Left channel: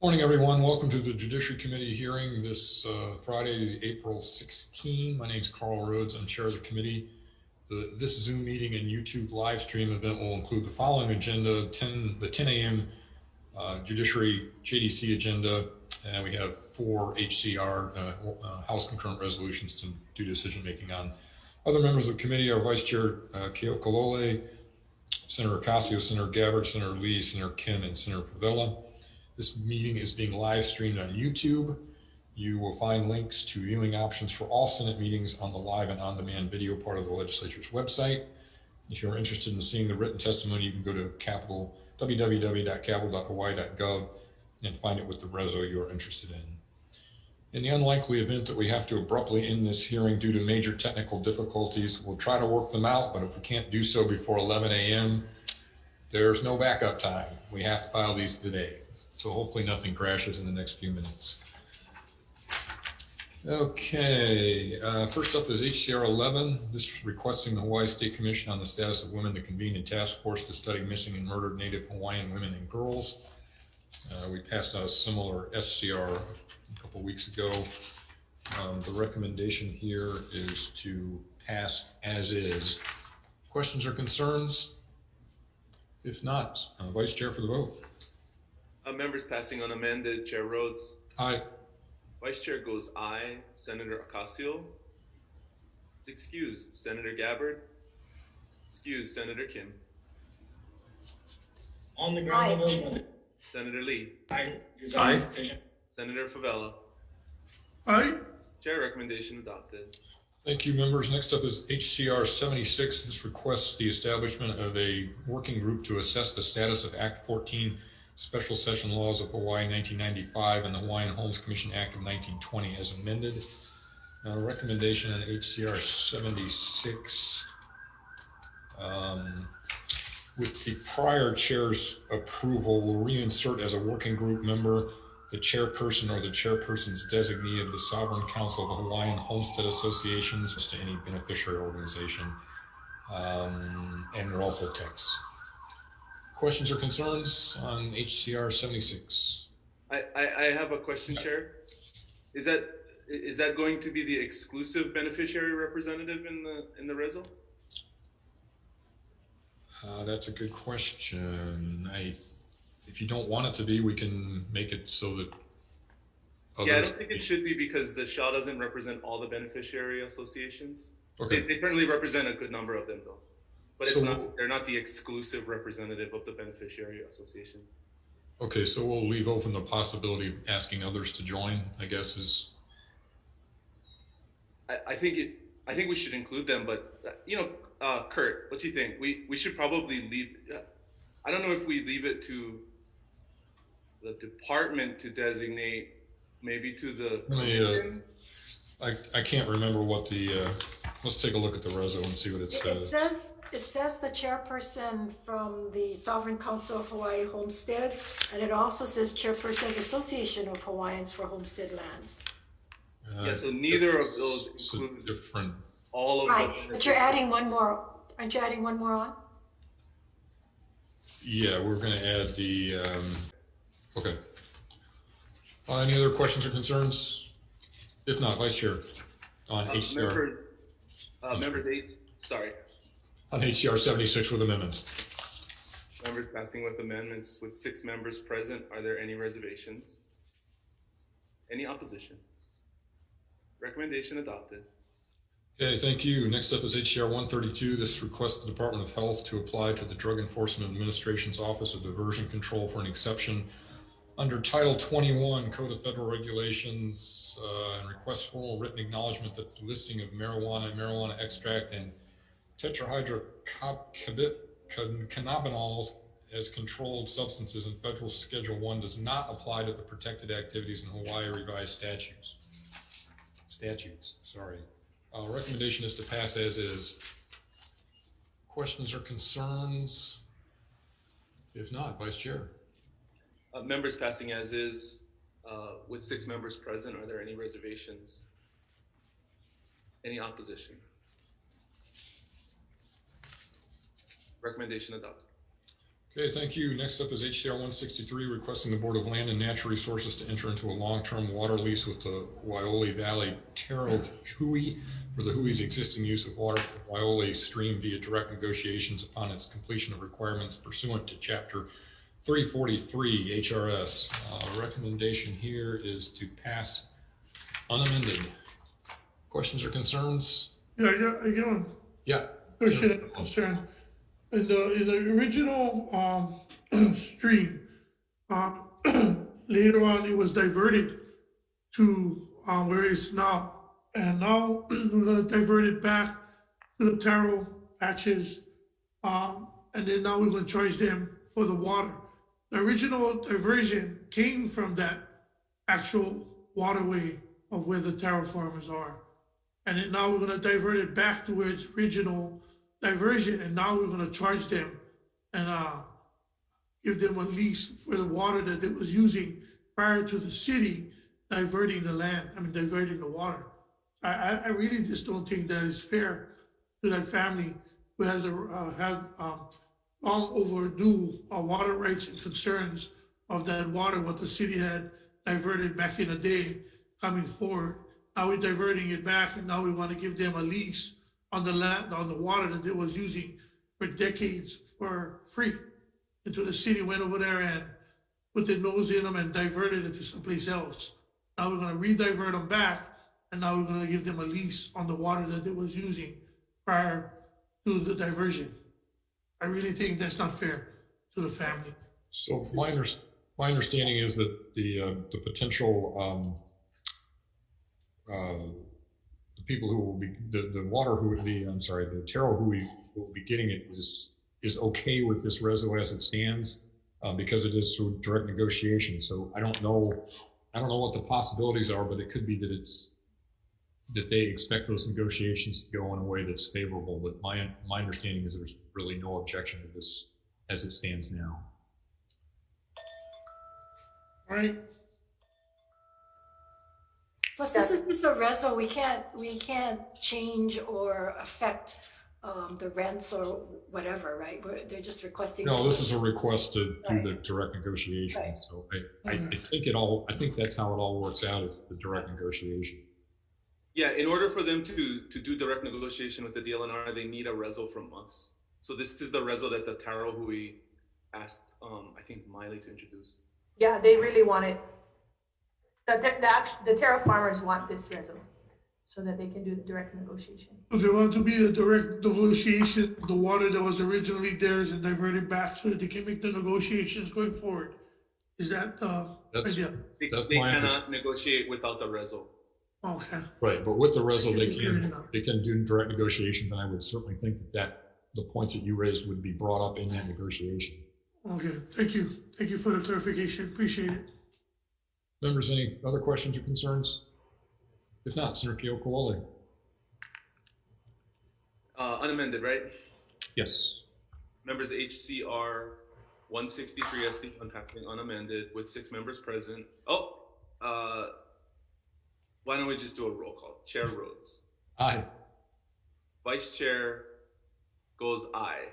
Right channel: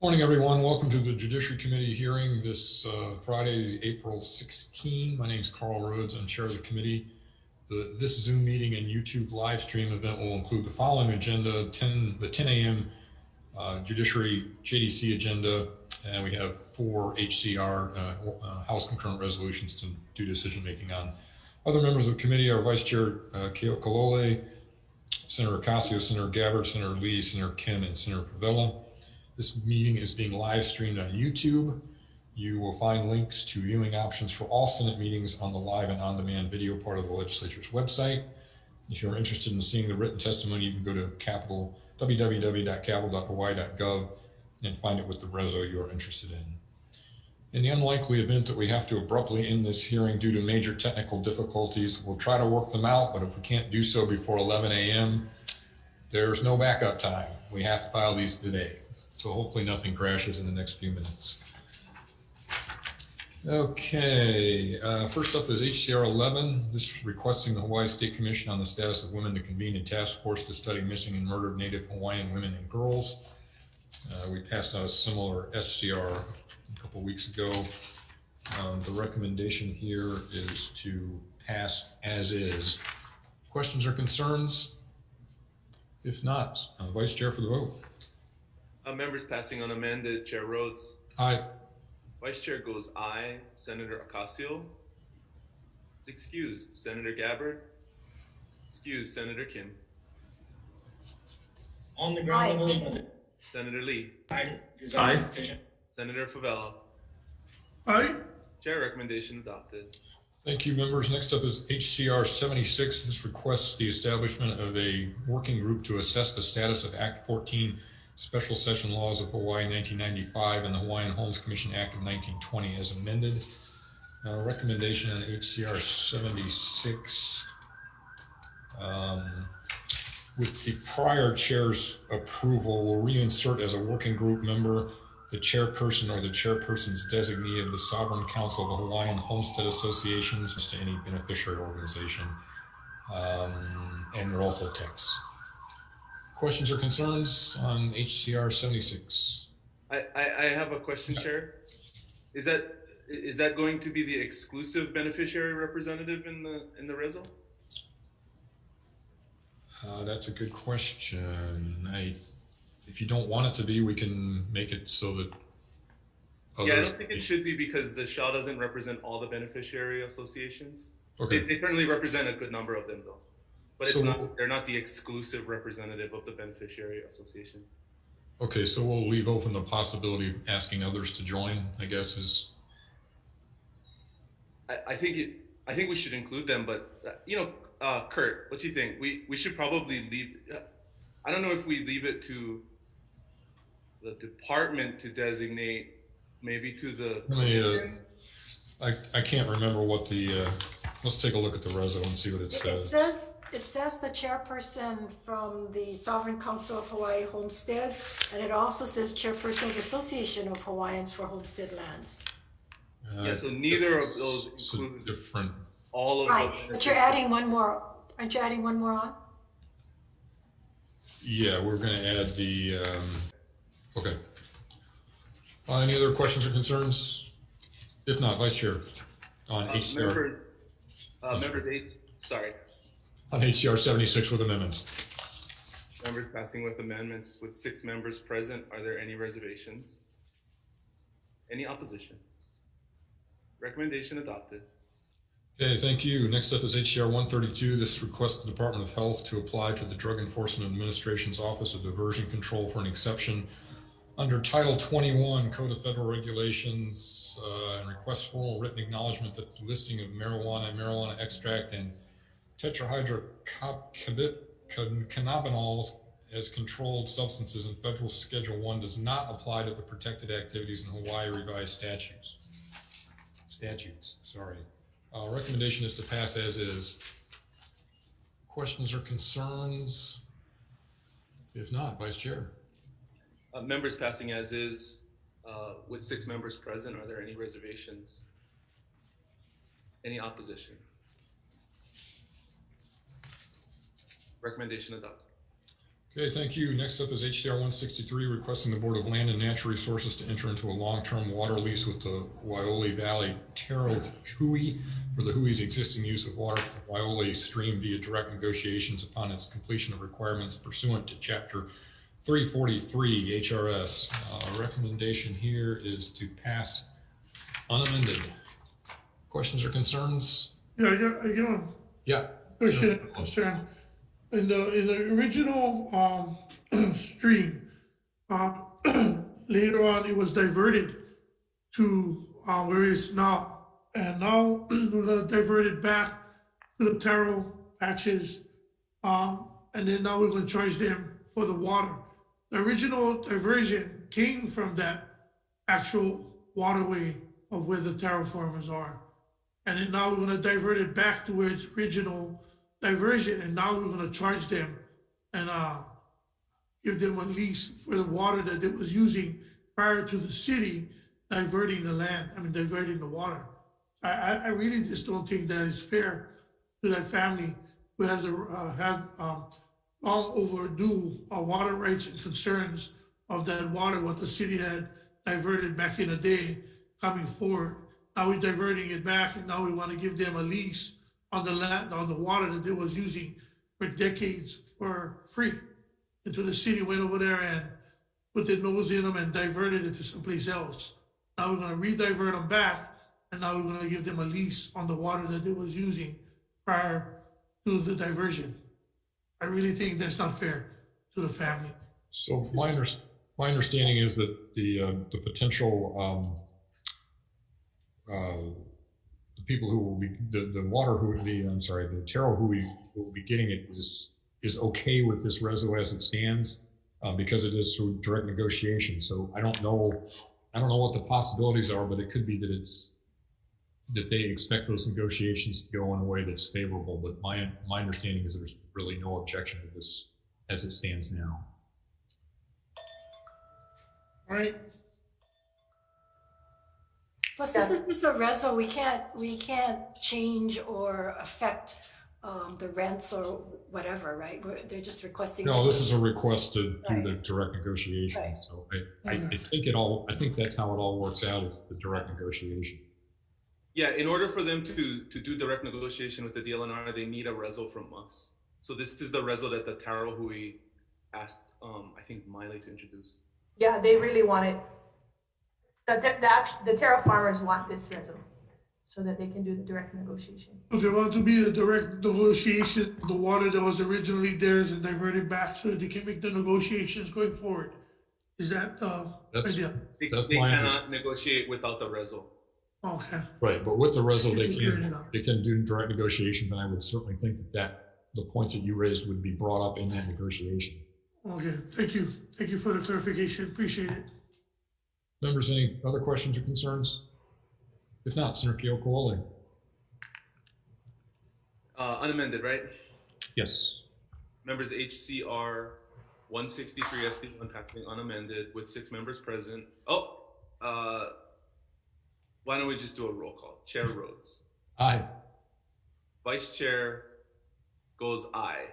Morning, everyone. Welcome to the Judiciary Committee hearing this Friday, April 16. My name is Carl Rhodes. I'm chair of the committee. This Zoom meeting and YouTube live stream event will include the following agenda: the 10 a.m. Judiciary JDC agenda, and we have 4 HCR House concurrent resolutions to do decision making on. Other members of the committee are Vice Chair Keo Kalole, Senator Ocasio, Senator Gabbard, Senator Lee, Senator Kim, and Senator Favela. This meeting is being live streamed on YouTube. You will find links to viewing options for all Senate meetings on the live and on-demand video part of the legislature's website. If you're interested in seeing the written testimony, you can go to www.capitol.hawaii.gov and find it with the reso you are interested in. In the unlikely event that we have to abruptly end this hearing due to major technical difficulties, we'll try to work them out, but if we can't do so before 11 a.m., there's no backup time. We have to file these today. So hopefully nothing crashes in the next few minutes. Okay, first up is HCR 11. This is requesting the Hawaii State Commission on the Status of Women to convene a task force to study missing and murdered Native Hawaiian women and girls. We passed out a similar SCR a couple weeks ago. The recommendation here is to pass as is. Questions or concerns? If not, Vice Chair for the vote. Members passing on amended. Chair Rhodes. Aye. Vice Chair goes aye. Senator Ocasio. Is excused. Senator Gabbard. Excused. Senator Kim. On the ground. Senator Lee. Aye. Senator Favela. Aye. Chair recommendation adopted. Thank you, members. Next up is HCR 76. This requests the establishment of a working group to assess the status of Act 14 Special Session Laws of Hawaii 1995 and the Hawaiian Homes Commission Act of 1920 as amended. Recommendation on HCR 76. With the prior chair's approval, will reinsert as a working group member the chairperson or the chairperson's designee of the Sovereign Council of the Hawaiian Homestead Associations to any beneficiary organization. And there are also texts. Questions or concerns on HCR 76? I have a question, Chair. Is that going to be the exclusive beneficiary representative in the reso? That's a good question. If you don't want it to be, we can make it so that yeah, I don't think it should be because the SHA doesn't represent all the beneficiary associations. Okay. They certainly represent a good number of them, though. But they're not the exclusive representative of the beneficiary association. Okay, so we'll leave open the possibility of asking others to join, I guess is. I think we should include them, but Kurt, what do you think? We should probably leave. I don't know if we leave it to the department to designate, maybe to the. I can't remember what the. Let's take a look at the reso and see what it says. It says the chairperson from the Sovereign Council of Hawaii Homesteads, and it also says chairperson of the Association of Hawaiians for Homestead Lands. Yeah, so neither of those include different. All of right, them. But you're adding one more. Aren't you adding one more on? Yeah, we're going to add the. Okay. Any other questions or concerns? If not, Vice Chair on HCR. Member date. Sorry. On HCR 76 with amendments. Members passing with amendments with 6 members present. Are there any reservations? Any opposition? Recommendation adopted. Okay, thank you. Next up is HCR 132. This requests the Department of Health to apply to the Drug Enforcement Administration's Office of Diversion Control for an exception under Title 21 Code of Federal Regulations and requests formal written acknowledgement that the listing of marijuana extract, and tetrahydrocannabinols as controlled substances in Federal Schedule 1 does not apply to the protected activities in Hawaii revised statutes. Recommendation is to pass as is. Questions or concerns? If not, Vice Chair. Members passing as is with 6 members present. Are there any reservations? Any opposition? Recommendation adopted. Okay, thank you. Next up is HCR 163, requesting the Board of Land and Natural Resources to enter into a long-term water lease with the Waiole Valley Taro Hui for the Hui's existing use of water from Waiole Stream via direct negotiations upon its completion of requirements pursuant to Chapter 343 HRS. Recommendation here is to pass unamended. Questions or concerns? Yeah. Yeah. Concern. In the original stream, later on it was diverted to where it is now, and now we're gonna divert it back to the taro patches, and then now we're gonna charge them for the water. The original diversion came from that actual waterway of where the taro farmers are, and then now we're gonna divert it back to where its original diversion, and now we're gonna charge them and give them a lease for the water that it was using prior to the city diverting the land, diverting the water. I really just don't think that is fair to that family who has had long overdue water rights and concerns of that water, what the city had diverted back in the day coming forward. Now we're diverting it back, and now we wanna give them a lease on the land, on the water that they was using for decades for free. Until the city went over there and put their nose in them and diverted it to someplace else. Now we're gonna re-divert them back, and now we're gonna give them a lease on the water that they was using prior to the diversion. I really think that's not fair to the family. So my understanding is that the potential the people who will be the taro who will be getting it is okay with this reso as it stands because it is through direct negotiation. So I don't know what the possibilities are, but it could be that they expect those negotiations to go in a way that's favorable. But my understanding is there's really no objection to this as it stands now. All right. Plus, this is just a reso. We can't change or affect the rents or whatever, right? They're just requesting. No, this is a request to do the direct negotiation. Right. So I think that's how it all works out, is the direct negotiation. Yeah, in order for them to do direct negotiation with the DLNR, they need a reso from us. So this is the reso that the Taro Hui asked, I think Miley to introduce. Yeah, they really want it. The Taro farmers want this reso so that they can do the direct negotiation. So they want to be a direct negotiation, the water that was originally theirs and diverted back so that they can make the negotiations going forward. Is that the idea? They cannot negotiate without the reso. Okay. Right, but with the reso, they can do direct negotiation, and I would certainly think that the points that you raised would be brought up in that negotiation. Okay, thank you. Thank you for the clarification. Appreciate it. Members, any other questions or concerns? If not, Senator Keokalole. Unamended, right? Yes. Members HCR 163 SD on passing unamended with 6 members present. Why don't we just do a roll call? Chair Rhodes. Aye. Vice Chair goes aye.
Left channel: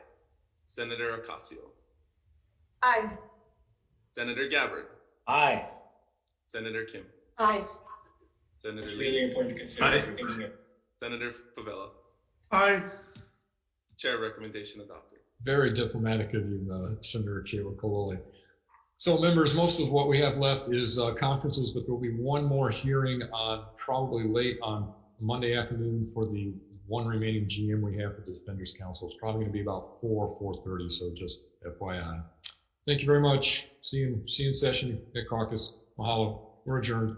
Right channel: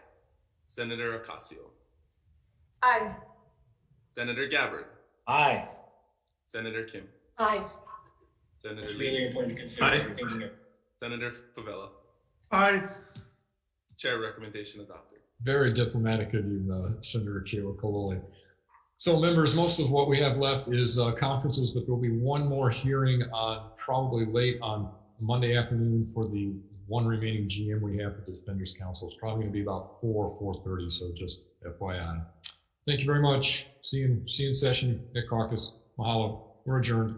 Senator Ocasio. Aye. Senator Gabbard. Aye. Senator Kim. Aye. Senator It's Lee. really important to consider everything here. Senator Favela. Aye. Chair recommendation adopted. Very diplomatic of you, Senator Keokalole. So members, most of what we have left is conferences, but there'll be one more hearing on probably late on Monday afternoon for the one remaining GM we have for the Defenders Council. It's probably going to be about 4:30, so just FYI. Thank you very much. See you in session at caucus. Mahalo. We're adjourned.